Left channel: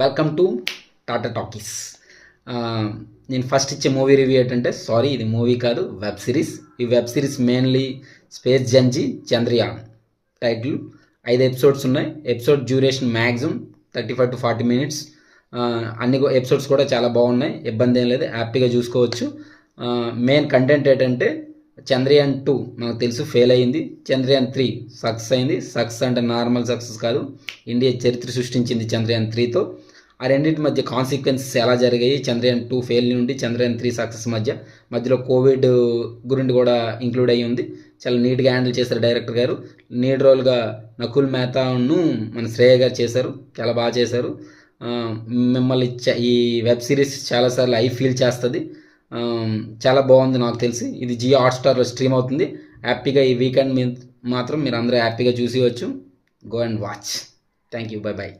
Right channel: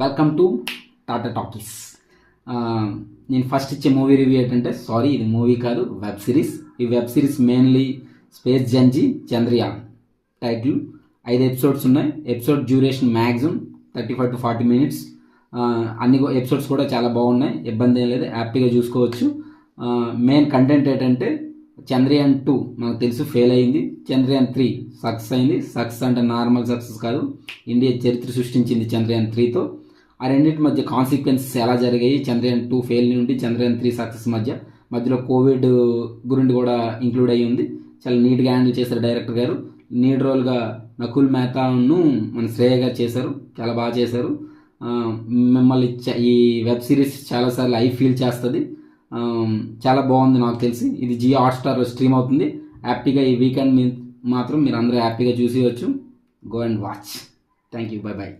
Welcome to Tata talkies. నేను first ఇచ్చే movie review ఏంటంటే, సారీ ఇది మూవీ కాదు, వెబ్ సిరీస్. ఈ వెబ్ సిరీస్ మెయిన్లీ స్పేస్ జంజీ చంద్రయాన్ టైటిల్. 5 ఎపిసోడ్స్ ఉన్నాయి. Episode duration maximum 35 to 40 minutes. అన్ని ఎపిసోడ్స్ కూడా చాలా బాగున్నాయి, ఇబ్బంది ఏం లేదు, హ్యాపీగా చూసుకోవచ్చు. మెయిన్ కంటెంట్ ఏంటంటే, చంద్రయాన్ 2 మనకు తెలుసు ఫెయిల్ అయింది, చంద్రయాన్ 3 సక్సెస్ అయింది. సక్సెస్ అంటే నార్మల్ సక్సెస్ కాదు, ఇండియా చరిత్ర సృష్టించింది చంద్రయాన్ 3తో. ఆ రెండింటి మధ్య కాన్సిక్వెన్సెస్ ఎలా జరిగాయి, చంద్రయాన్ 2 ఫెయిల్ నుండి చంద్రయాన్ 3 సక్సెస్ మధ్యలో కోవిడ్ గురించి కూడా ఇంక్లూడ్ అయ్యి ఉంది. చాలా నీట్గా హ్యాండిల్ చేశారు డైరెక్టర్ గారు. లీడ్ రోల్గా నకుల్ మెహతాను మన శ్రేయ గారు చేశారు, చాలా బాగా చేశారు. మిమ్మల్ని ఈ వెబ్ సిరీస్ చాలాసార్లు ఫీల్ చేస్తుంది. చాలా బాగుంది. నాకు తెలిసి ఇది జియో హాట్స్టార్లో స్ట్రీమ్ అవుతుంది. హ్యాపీగా ఈ వీకెండ్ మాత్రం మీరు అందరూ హ్యాపీగా చూసేయచ్చు. Go and watch. Thank you, bye by.